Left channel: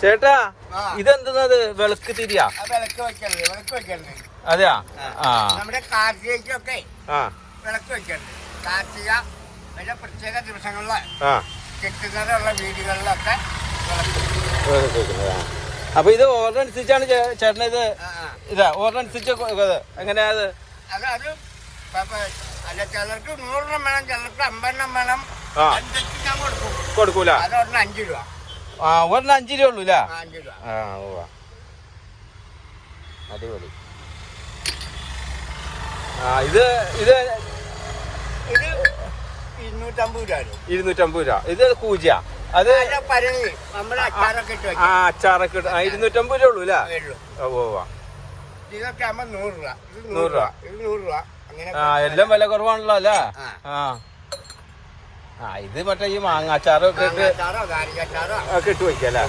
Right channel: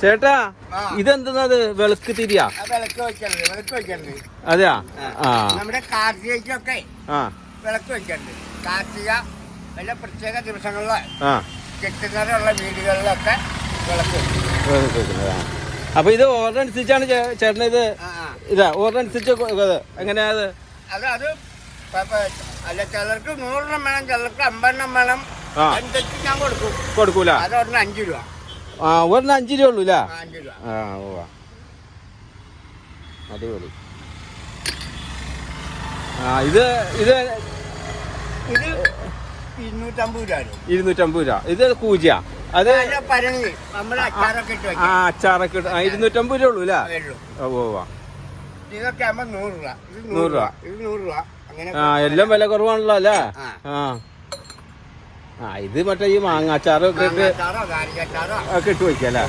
ചേട്ടാ. ഇതെന്താ വെളുക്ക് തിരിയാ? വിളക്ക് വെക്കരുത് വിളക്ക് വെക്കരുത് അതെയാ? നമ്മുടെ കാർത്തികയ്ക്കൊക്കെ വിളക്ക് വെക്കരുത് കാർത്തിക വല്ല പ്രത്യേക ദിവസങ്ങളിൽ കിട്ടുന്നതുള്ള വീടുകളിലൊക്കെ വിളക്ക്. അപ്പൊ ഇത് ഓർഡർ അനുസരിച്ചാണ് ചേട്ടൻ ഇത്. ഇതാ ഓർഡർ അനുസരിച്ച് എങ്ങനെയാ അത്? അത് അത് അല്ല ചിലർക്ക് നൂറെണ്ണം വേണം ചിലർക്ക് അമ്പതെണ്ണം വേണം. എന്തൊക്കെ ഞാൻ കൊടുക്കും. കൊടുക്കൂല? അതോടൊന്ന് അഞ്ചു രൂപ. ആ ഒരെണ്ണം അഞ്ച് രൂപ ഉള്ളൂ അല്ലേ ആ, ആ ഉവ്വ. അടിപൊളി. ആ ഇത് ഇത് ഇത് ഇരുന്നൂറ്റമ്പത് രൂപ ഇരുന്നൂറ്റമ്പത് രൂപ. ഇത് കൂജിയ. അത് പരങ്ങി അച്ചാറൊക്കെ ഇട്ട് ആ അച്ചാറൊക്കെ ഇട്ട്- ആ, ഇരുന്നൂറ്റമ്പത് രൂപ ഉള്ളൂ. അല്ലേ. ഇതൊക്കെ ആകുമ്പോ നൂറ് രൂപ. ഇത് നൂറ് രൂപ. രൂപ. ഇത് നൂറ് രൂപ. അങ്ങനെ ആ എല്ലാം വില കുറവാണല്ലോ അല്ലേ? ആ. ആ. ആ ഇത് മറ്റേ ഈ മാങ്ങാച്ചാറോ ഒക്കെ ഇട്ട് വയ്ക്കല്ലേ